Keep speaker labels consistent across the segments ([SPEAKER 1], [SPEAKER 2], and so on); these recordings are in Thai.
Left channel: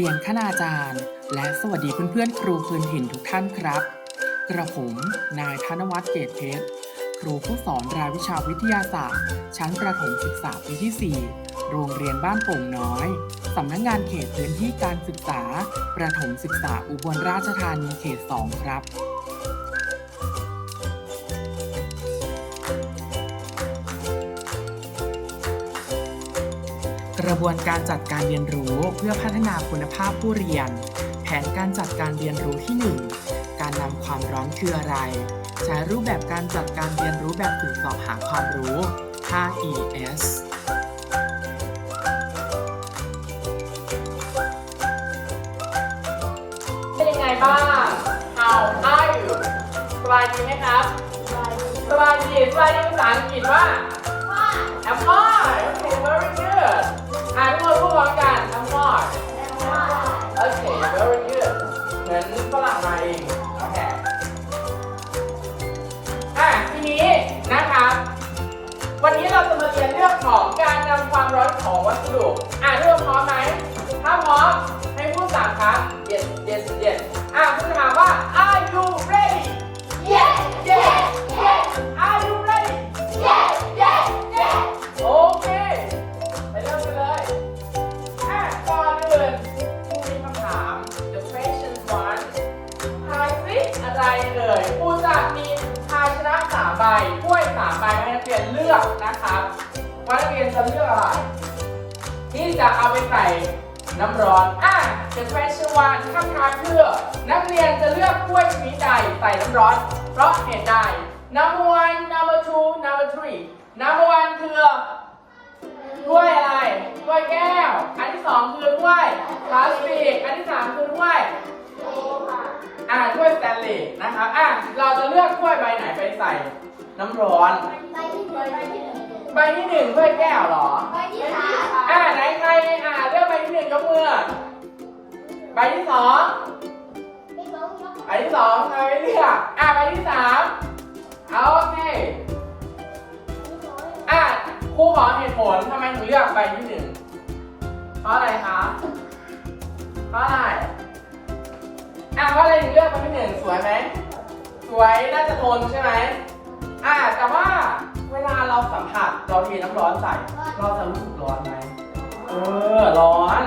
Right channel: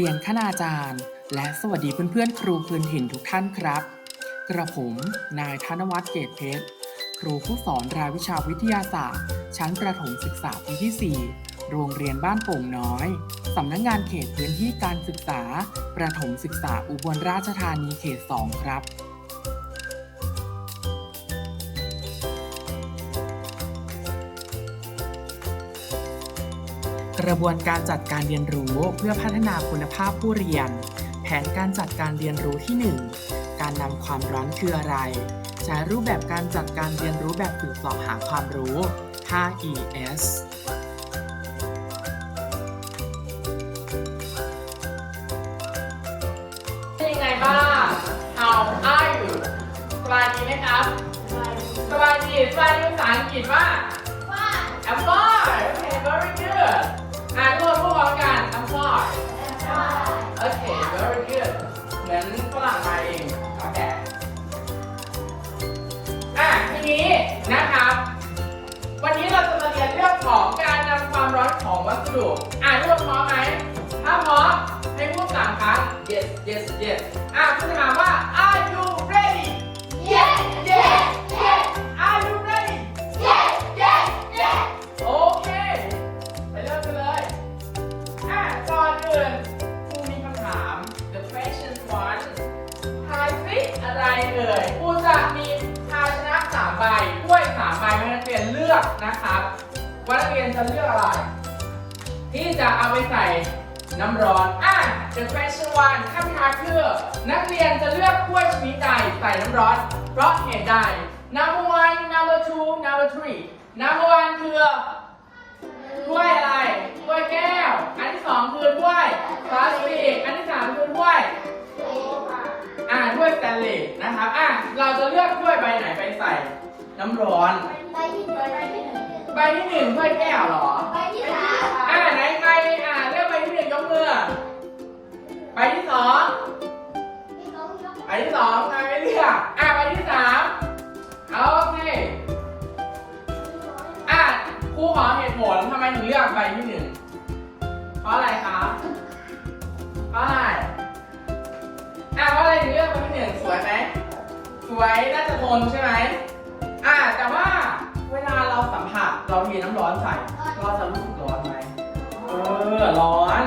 [SPEAKER 1] เรียนคณาจารย์ และสวัสดีเพื่อนๆ ครูพื้นถิ่นทุกท่านครับ กระผมนายธนวัฒน์เกตเพชร ครูผู้สอนรายวิชาวิทยาศาสตร์ ชั้นประถมศึกษาปีที่ 4 โรงเรียนบ้านโป่งน้อยสำนักงงานเขตพื้นที่การศึกษา ประถมศึกษาอุบลราชธานีเขต 2 ครับ กระบวนการจัดการเรียนรู้เพื่อพัฒนาคุณภาพผู้เรียน แผนการจัดการเรียนรู้ที่ 1 การนำความร้อนคืออะไร ใช้รูปแบบการจัดการเรียนรู้แบบฝึกสอบหาความรู้ 5ES
[SPEAKER 2] เป็นยังไงบ้าง How are you สบายดีไหมครับสบายดีสบายดีภาษาอังกฤษว่า สดุอะทุกคนพร้อมไหมถ้าพร้อมให้พูดสามครั้ง yes yes yes อะคุณจะถาว่า are you ready yes yes yes are you ready yes yes yes โอเคไปเริ่มกันเลยอะก่อนอื่นครูมีคำถาม the question one ทายสิอะไรเอ่ยครูจะมีภาชนะสามใบถ้วยสามใบให้นักเรียนเลือกนะครับว่านักเรียนจะเลือกอะไร ที่จะเอาไปใส่น้ำร้อน อะ the question one คำถามคือนักเรียนจะเลือกกล้วยชนิดใดใส่น้ำร้อน เพราะเหตุใด number one number two number three number one คือถ้วยอะไรถ้วยแก้ว อันที่สองคือถ้วยพลาสติกอันที่สามคือถ้วย อ่าถ้วยสแตนเลสนะครับ อะ เราจะเลือกถ้วยใบไหนไปใส่ น้ำร้อนใบที่หนึ่งถ้วยแก้วเหรออ่าไหนใครอ่าเลือกใบที่หนึ่งยกมือ ใบที่สองใบที่สองใครไม่เลือกอ่าใบที่สามเอาโอเคอ่าครูขอเหตุผลทำไมถึงเลือกใบที่หนึ่งเพราะอะไรคะเพราะอะไรอ่าเพราะอะไรถึงเลือกใบที่หนึ่งสวยไหมสวยน่าจะทนใช่ไหม อ่าแต่ว่าเวลาเราสัมผัสเราเทน้ำร้อนใส่เราจะรู้สึกร้อนไหมเออร้อน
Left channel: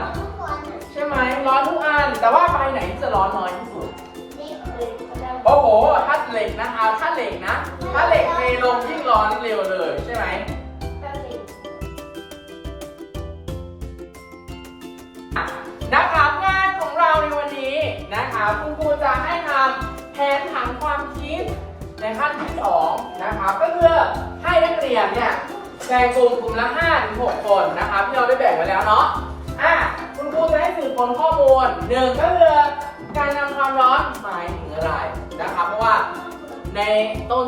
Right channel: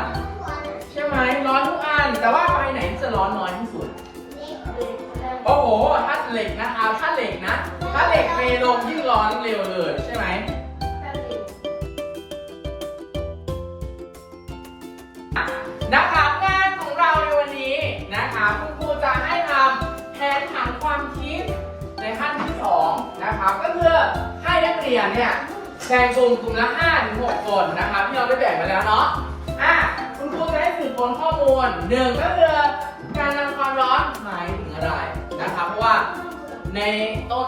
[SPEAKER 2] ใช่ไหมร้อนทุกอัน แต่ว่าใบไหนที่จะร้อนน้อยที่สุดโอ้โหถ้าเหล็กนะคะถ้าเหล็กนะ ถ้าเหล็กเทลงยิ่งร้อนเร็วเลยใช่ไหมนะครับงานของเราในวันนี้นะครับคุณครูจะให้ทำแผนผังความคิด ขั้นที่สองนะครับก็คือให้นักเรียนเนี่ยแบ่งกลุ่มกลุ่มละ5ถึง6คนนะครับที่เราได้แบ่งไว้แล้วเนาะอะคุณครูจะให้สืบค้นข้อมูลหนึ่งก็คือการนำความร้อนหมายถึงอะไรนะครับเพราะว่าในต้น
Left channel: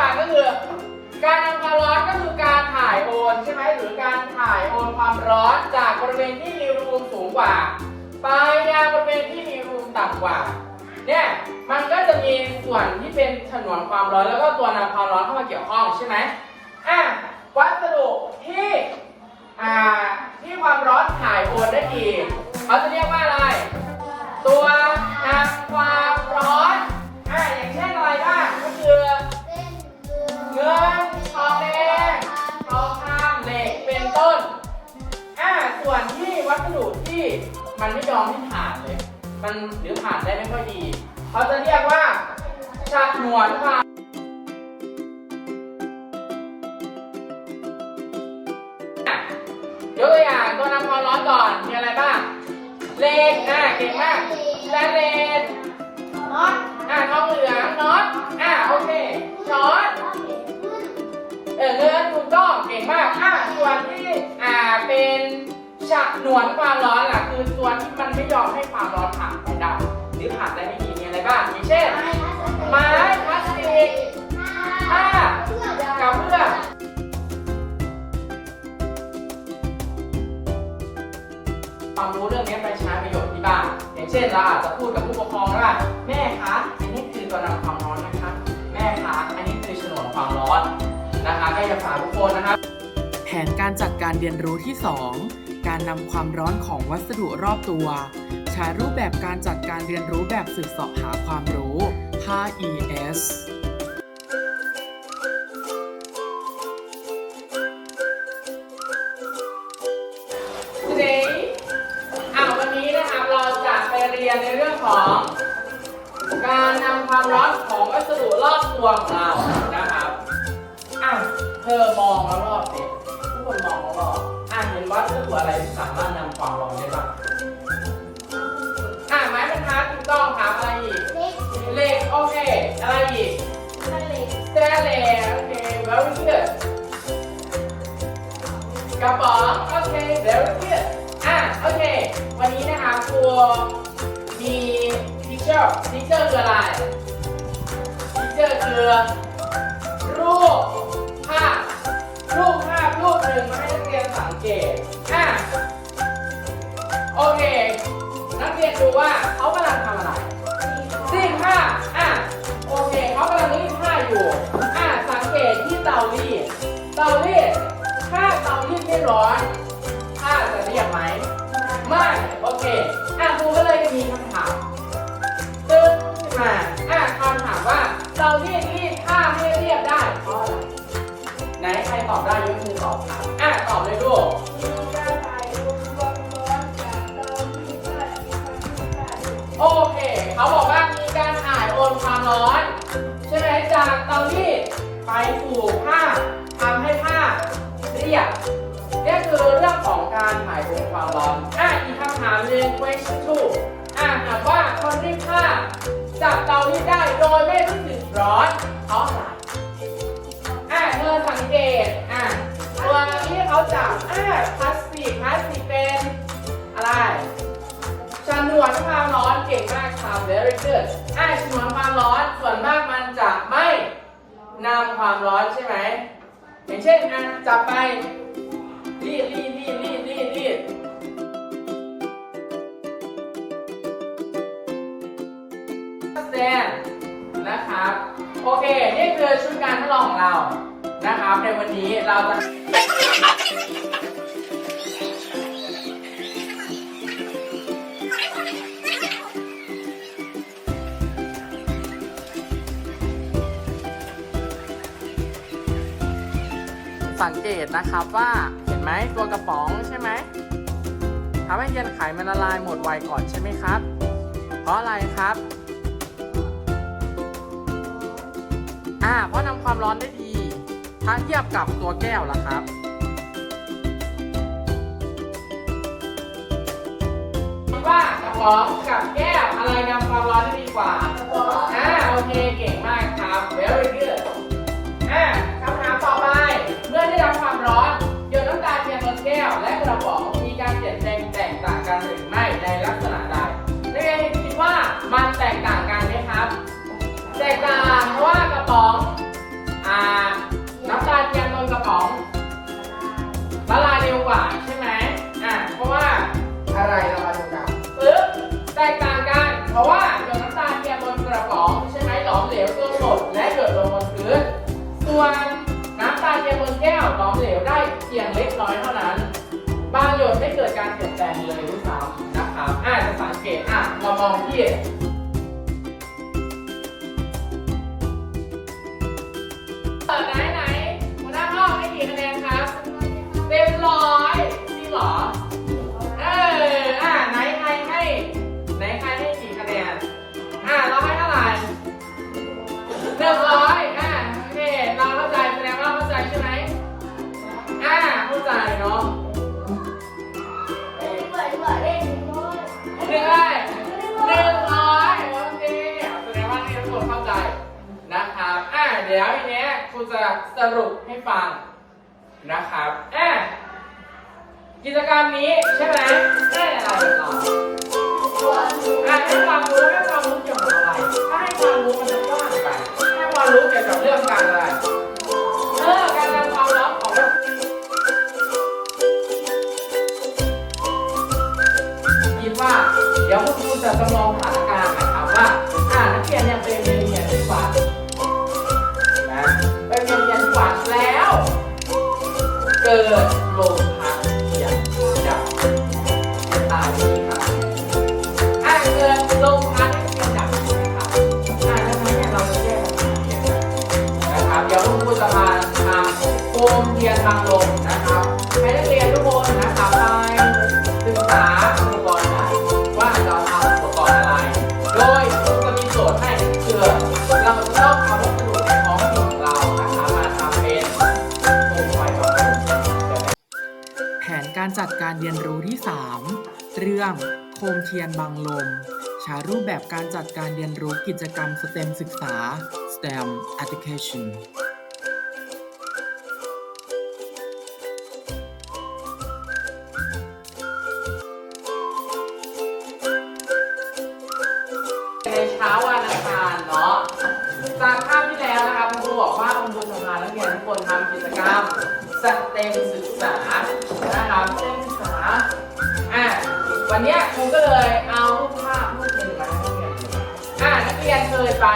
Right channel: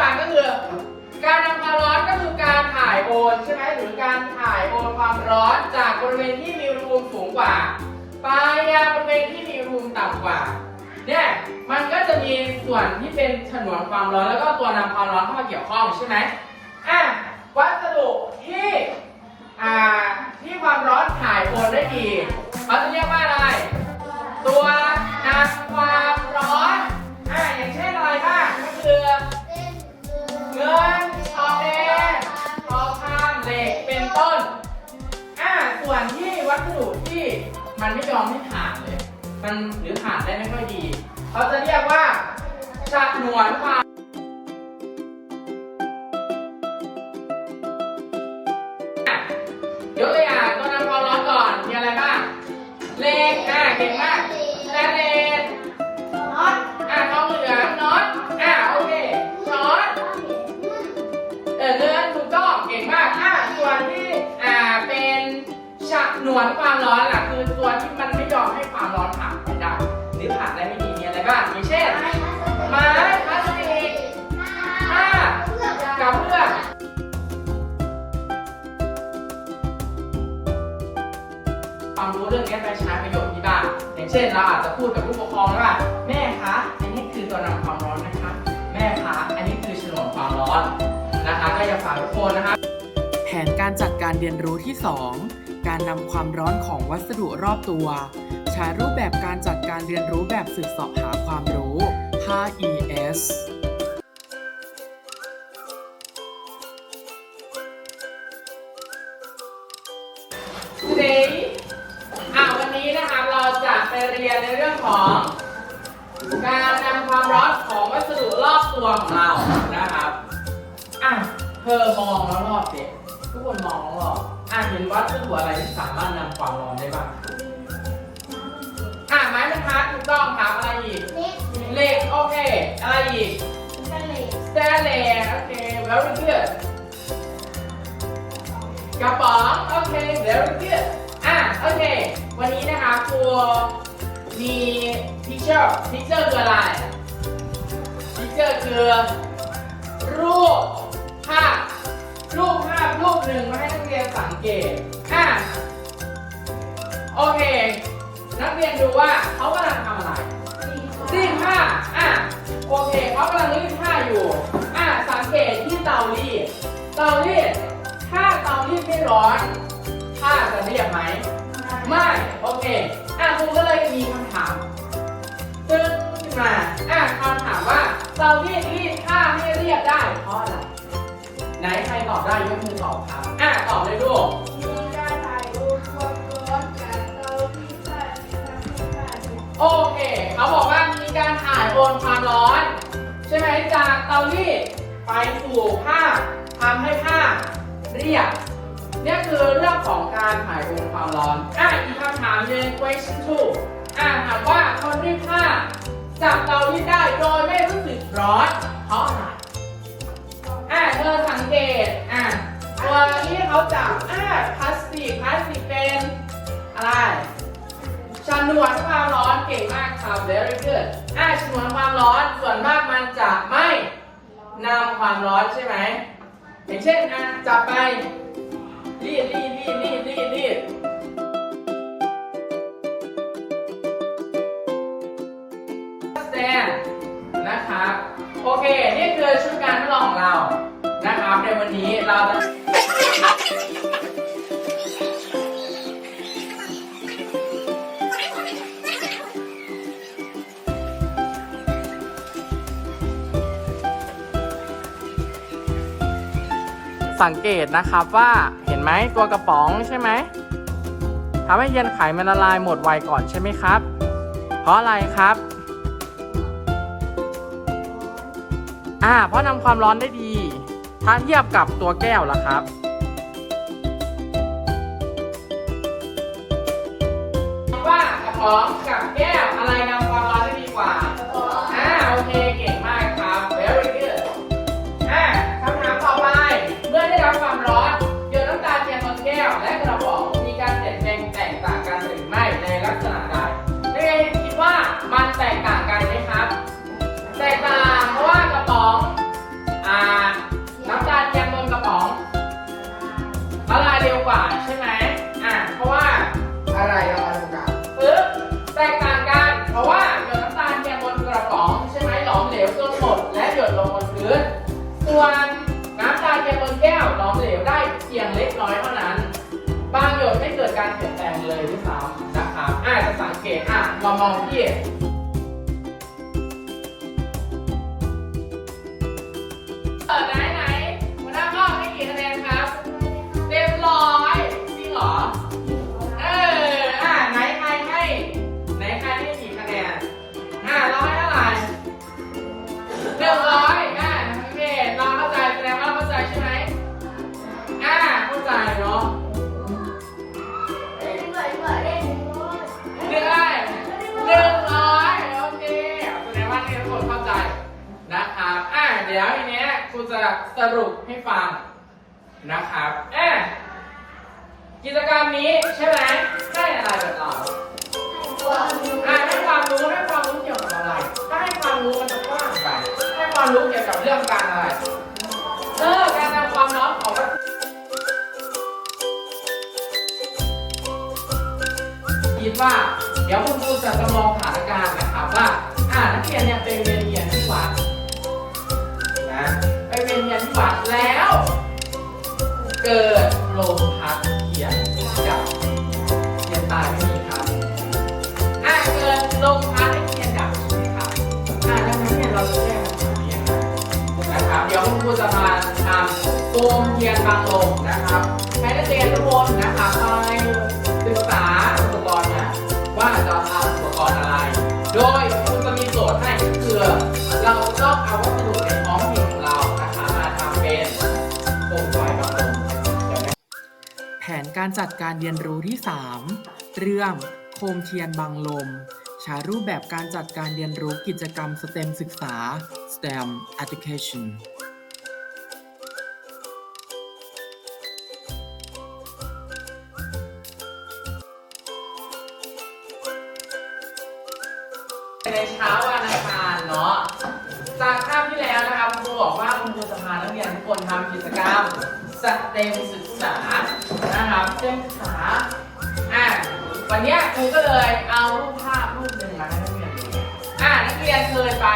[SPEAKER 3] ต่าง
[SPEAKER 2] ก็คือการนำความร้อนก็คือการถ่ายโอนใช่ไหมหรือการถ่ายโอนความร้อนจากบริเวณที่มีอุณหภูมิสูงกว่าไปยังบริเวณที่มีอุณหภูมิต่ำกว่าเนี่ยมันก็จะมีส่วนที่เป็นฉนวนความร้อนแล้วก็ตัวนำความร้อนเข้ามาเกี่ยวข้องใช่ไหมอะวัสดุที่อ่าที่ความร้อนถ่ายโอนได้ดีเขาจะเรียกว่าอะไร วนความร้อนอะคือตัวที่มันไม่ยอมให้ความร้อนผ่านไปได้หรือผ่านได้ไม่ดีมีอะไรบ้างมีเช่นไม้พลาสติกผ้ากระเบื้องความรู้เรื่องนี้ไปใช้ประโยชน์ที่บ้านอย่างเช่นเราอาจจะพูดกับผู้ปกครองว่าแม่คะอันนี้คือตัวนำความร้อนนะคะ แม่คะอันนี้คือฉนวนความร้อนนะคะก็จะฝากทุกคนนะครับ
[SPEAKER 1] แผนการจัดการเรียนรู้ที่ 2 การนำความร้อนของวัสดุรอบตัว ใช้รูปแบบการจัดการเรียนรู้แบบสืบเสาะหาความรู้
[SPEAKER 2] 5ES นวัสดุอะไรที่สามารถนำความร้อนได้บ้างอะไม้บรรทัดถูกต้องครับอะไรอีก
[SPEAKER 3] เห
[SPEAKER 2] ล็กโอเค อะไรอีก
[SPEAKER 3] กระเหล็ก
[SPEAKER 2] สเตนเลโอเคแล้วเพื่อกระป๋องโอเคแล้วเพื่อนอะโอเค วันนี้นะคะครูมีพิเจอร์พิเจอร์คืออะไรพิเจอร์คือ รูปภาพรูปภาพรูปหนึ่งมาให้นักเรียนสังเกต รียนดูว่าเขากำลังทำอะไรรีดผ้าอะโอเคเขากำลังรีดผ้าอยู่อะสังเกตที่เตารีดเตารีดถ้าเตารีดไม่ร้อนผ้าจะเรียบไหมไม่โอเคอะครูก็เลยมีคำถามตึ๊ดขึ้นมาอะคำถามว่าเตารีดรีดผ้าให้เรียบได้เพราะอะไรไหนใครตอบได้ยกมือตอบครับอะตอบเลยลูก โอเค เขาบอกว่ามีการถ่ายโอนความร้อน ใช่ไหมจากเตารีดไปสู่ผ้าทำให้ผ้าเรียบเนี่ยคือเรื่องของการถ่ายโอนความร้อนอะอีกคำถามหนึ่ง question two อะถามว่าคนรีดผ้าจับเตารีดได้โดยไม่รู้สึกร้อนเพราะอะไรอะเธอสังเกตอะตัวที่เขาจับอะพลาสติกพลาสติกเป็นอะไร ชนวนความร้อนเก่งมากครับ very good อ่าชนวนความร้อนส่วนมากมันจะไม่นำความร้อนใช่ไหมอย่างเช่นอะจับไปรีดรีดรีดรีดรีดรีดแซนนะครับ โอเค นี่คือชุดการทดลองของเรา นะครับ ในวันนี้เราจะ สังเกตนะครับว่าเห็นไหมตัวกระป๋องใช่ไหมทำให้เย็นไขมันละลายหมดไวก่อนใช่ไหมครับ เพราะอะไรครับอ่าเพราะนำความร้อนได้ดี ถ้าเทียบกับตัวแก้วล่ะครับว่ากระป๋องกับแก้วอะไรนำความร้อนได้ดีกว่าอ่าโอเคเก่ง พื้น ส่วนน้ำตาเทียมบนแก้วหลอมเหลวได้เพียงเล็กน้อยเท่านั้น บางหยดไม่เกิดการเปลี่ยนแปลงเลยด้วยซ้ำนะครับอาจจะสังเกตอะเรามองที่ เดี๋ยวทีเนี้ยครูจะสรุปให้ฟังนะครับอ่ากิจกรรมนี้ใช่ไหมได้อะไรกับเราอะให้ความรู้ให้ความรู้เกี่ยวกับอะไร ถ้าให้ความรู้มันจะกว้างไป ให้ความรู้เกี่ยวกับเรื่องการอะไรเออการนำความร้อนของวัตถุคิดว่า เดี๋ยวคุณครูจะจำลองสถานการณ์นะครับว่า อ่านักเรียนเนี่ยไปเรียน เกิดลมพัดเทียนดับเทียนตายไม่มีครับอ่าเกิดลมพัดให้เทียนดับใช่ไหมครับอ่าดังนั้นเนี่ยเราจะเรียกมันเทียนกันนะครับ เดี๋ยวคุณครูจะมาทำโคมเทียนบางลมนะครับ ให้นักเรียนทุกคนนะครับ นการ
[SPEAKER 1] จัดการเรียนรู้ที่ 3 เรื่องโคมเทียนบังลมใช้รูปแบบการจัดการเรียนรู้กิจกรรม STEM ศึกษา STEM Education
[SPEAKER 2] ในเช้าวันอังคารเนาะจากภาพที่แล้วนะครับครูบอกว่าคุณครูจะพานักเรียนทุกคนทำกิจกรรมส เต็มศึกษานะครับสเต็มศึกษาอะวันเนี้ยครูก็เลยเอารูปภาพรูปหนึ่งมาให้นักเรียนดูอะนักเรียนเคยไป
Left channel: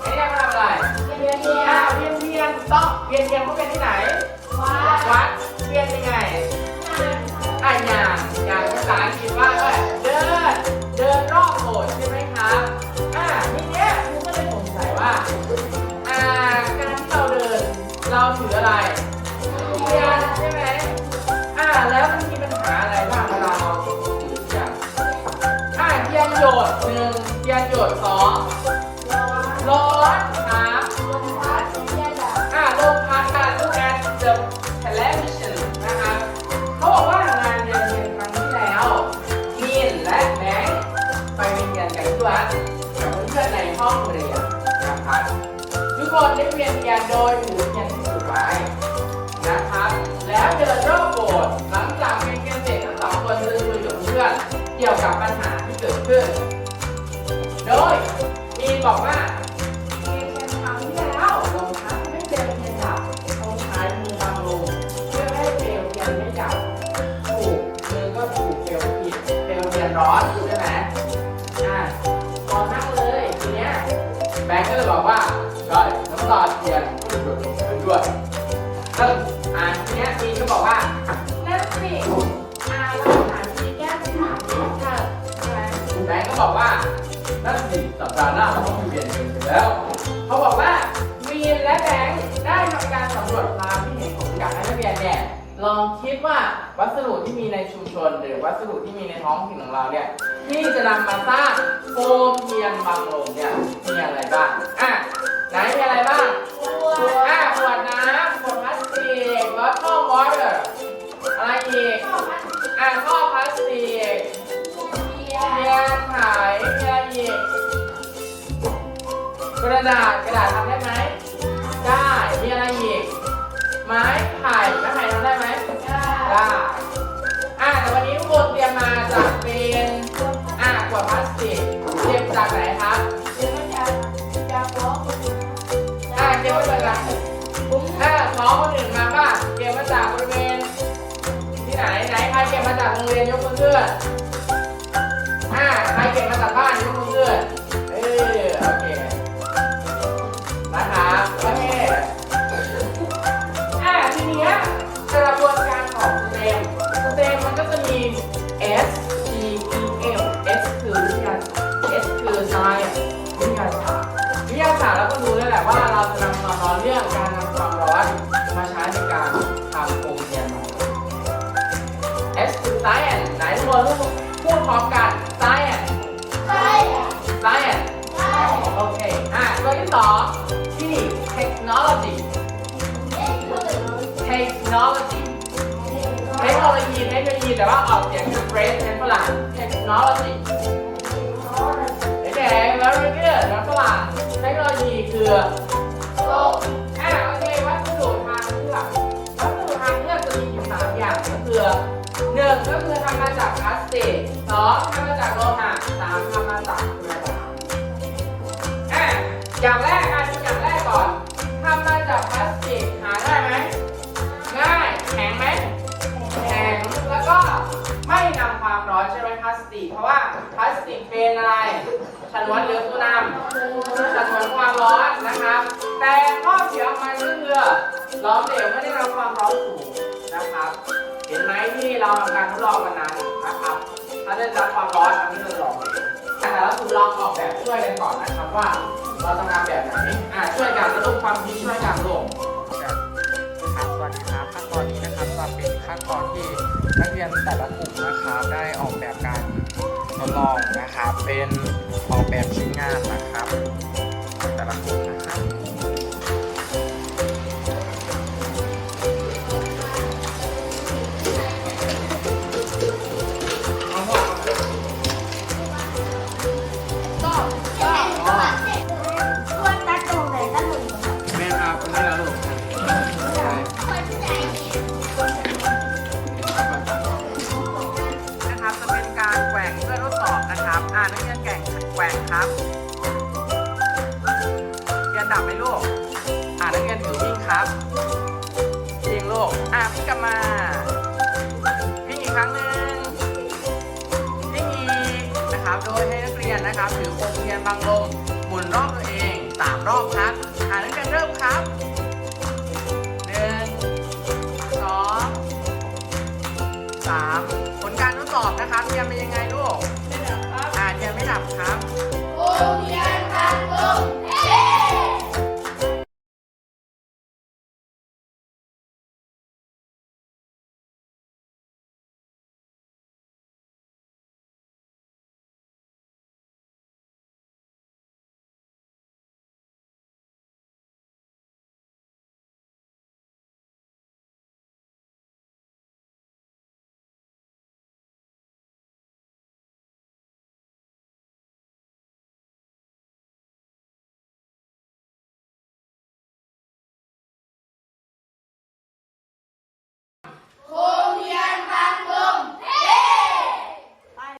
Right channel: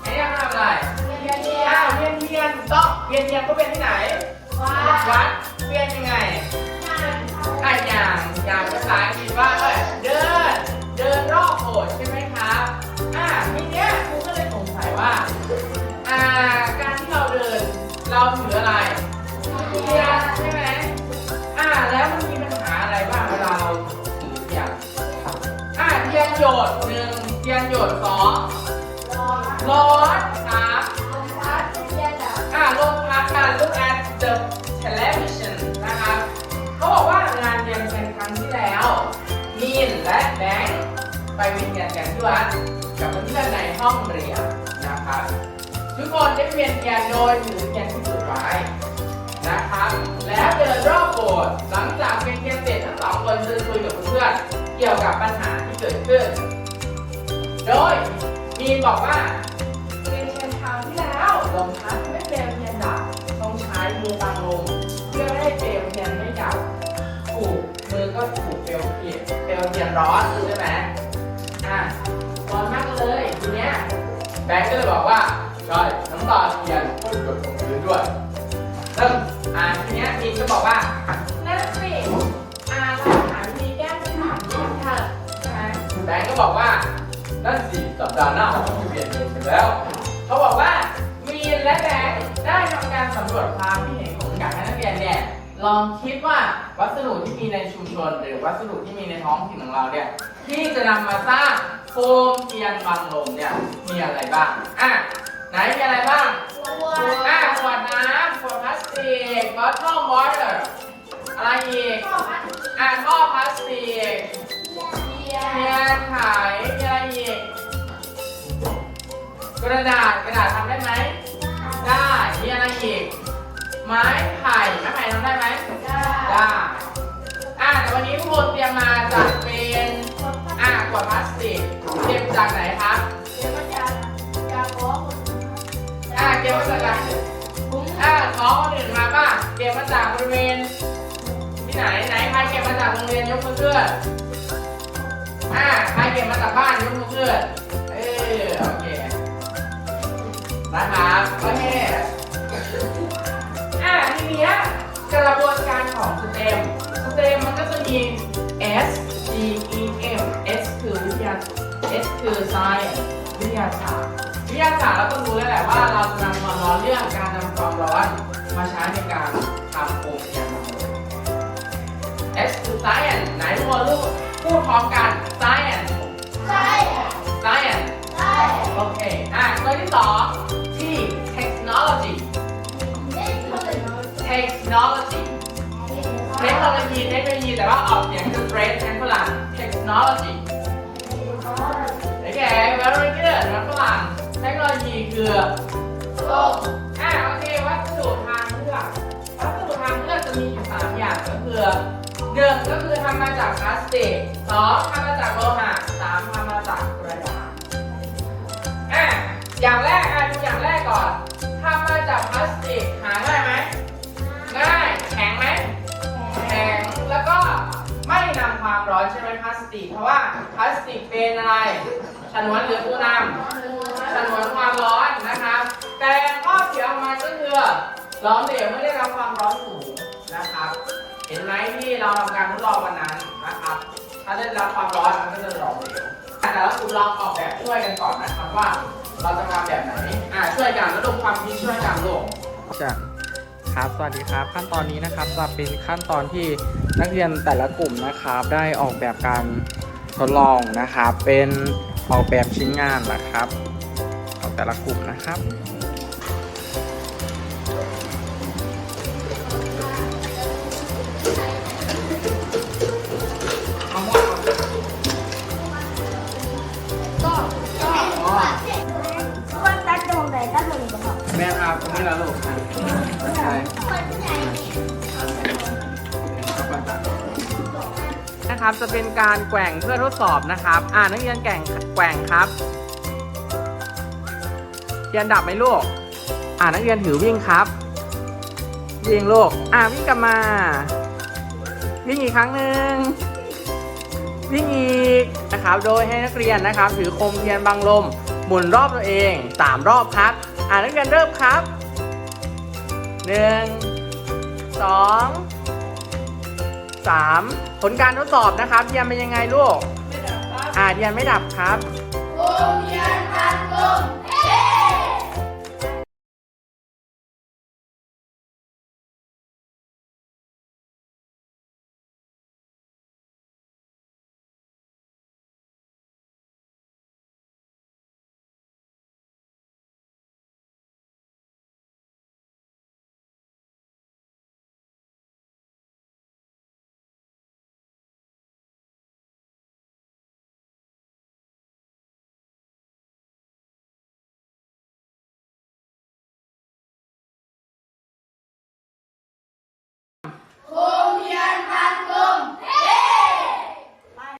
[SPEAKER 2] ไอ้เนี่ยภาพอะไรเวียนเทียนเวียนเทียนถูกต้องเวียนเทียนก็เป็นที่ไหนวัดเวียนยังไงอะอย่างอย่างภาษาอังกฤษว่าเอ้ยเดินเดินรอบโบสถ์ใช่ไหมครับอะทีเนี้ยครูก็เลยสงสัยว่าอ่าการที่เราเดินเราถืออะไรเทียน แล้วมันมีปัญหาอะไรบ้างเวลาเราถือเทียนอ่าเทียนหยดหนึ่งเทียนหยดสองร้อนสามอ่าลมพัดการ look at the television นะครับเขาบอกว่างานเรียนเป็นครั้งที่แล้วมีนและแบงค์ไปเวียนกันที่วัดกับเพื่อนในห้องเรียนนะครับทุกคนได้เวียนเทียนโดยหมุนเทียนที่สุดไว้น กี่ยวกับปัญหาที่เกิดขึ้น โดยมีนบอกว่าเรียนเทียนครั้งที่แล้วลมพัดไม่เปลวเทียนดับต้องใช้มือบังลมเพื่อให้เปลวเทียนไม่ดับถูกมือก็ถูกเปลวเทียนเปลวเทียนร้อนใช่ไหมอ่าร้อนมากเลยทีเนี้ยแบงค์ก็เลยบอกว่าใช่น้ำตาเทียนหยดลงพื้นด้วยซึ่งอ่าทีเนี้ยจีนก็บอกว่า ดาห์หน้าเราต้องไปเรียนกันอยู่แล้ว เขาบอกว่าวีนและแบงค์ได้ทำการสำรวจความคิดเห็นของการนักเรียนเนี่ยลองคิดว่าวัสดุที่มีในชุมชน หรือวัสดุที่มีในท้องถิ่นของเราเนี่ยที่จะนำมาสร้างโคมเทียนบังลมเนี่ยมีอะไรบ้างอะไหนมีอะไรบ้างอะขวดน้ำขวดพลาสติก bottle water อะไรอีกอะท่อพลาสติกเทียนขายมีอะไรอีก กระดาษกระดาษทำได้ไหม ได้มีอะไรอีก ไม้ไผ่ไม้ไผ่ทำได้ไหม ได้ อะแต่วันนี้ทุกคนเตรียมมาจากเป็นอะขวดพลาสติก เตรียมจากไหนคะอะเตรียมมาจากไหนอะน้องคนอื่นมาป่ะเตรียมมาจากบริเวณที่ไหนไหนใครเก็บมาจากโรงเรียนยกมือขึ้นอ่าใครเก็บมาจากบ้านยกมือขึ้น ครับโอเคอ่าทีเนี้ยกระบวนการของสเต็มสเต็มมันก็จะมี S T E M S คือวิทยา S คือ science วิทยาศาสตร์วิทยาศาสตร์เราก็รู้แล้วแหละว่าเราจะนำความร้อนเรื่องการนำความร้อนมาใช้ในการทำโคมเทียนมา S คือ science ไหนทุกคนรู้พูดพร้อมกัน science science โอเค อะตัวที่สอง T technology technology เทคโนโลยีเทคโนโลยีแต่ว่าออกเสียงสเตรทเป็นฝรั่ง technology โอเค very good นะฝรั่งเทคโนโลยีคือโลกอะโอเควัสดุทางเลือกวัสดุทางเลือกจะมีอยู่สามอย่างก็คือหนึ่งงก็คือทำมาจากพลาสติกสองทำมาจากโลหะสามทำมาจากกระดาษอะอย่างแรกอะดูอย่างแรกก่อน ทำมาจากพลาสติกหาง่ายไหมง่ายแข็งไหมแข็งแล้วก็ไม่นำความร้อนใช่ไหมพลาสติก เพราะว่าพลาสติกเป็นอะไรฉนวนหรือผู้นำฉนวนความร้อนนะครับ แต่ข้อเสียของมันก็คือล้อมเหลวไม่ได้นำความร้อนสูงนะครับ เห็นไหมที่เราทำการทดลองวันนั้นนะครับ ถ้าได้รับความร้อนมันก็จะหลอมเหลว แต่ละกลุ่มลองออกแบบช่วยกันก่อนนะครับว่า เราจะทำแบบไหนอ่าช่วยกันลูกความคิดช่วยกันลูก
[SPEAKER 1] จะครับสวัสดีครับ ขั้นตอนนี้นะครับจะเป็นขั้นตอนที่นักเรียนแต่ละกลุ่มนะครับ ได้ออกแบบการทดลองนะครับ เป็นออกแบบชิ้นงานนะครับของแต่ละกลุ่มนะครับ การแกว่งเพื่อทดสอบนะครับ อ่านักเรียนแกว่งแกว่งครับเรียนดับไหมลูก อ่านักเรียนถือวิ่งครับวิ่งลูก อ่าวิ่งกลับมา วิ่งอีกครั้งหนึ่งวิ่งอีกนะครับ โดยให้นักเรียนนะครับ ถือโคมเทียนบังลมหมุนรอบตัวเองสามรอบครับ อ่านักเรียนเริ่มครับหนึ่งสอง สามผลการทดสอบนะครับเทียนเป็นยังไงลูกอ่าเทียนไม่ดับครับ
[SPEAKER 3] โรงเรียนทำกลุ่มเย้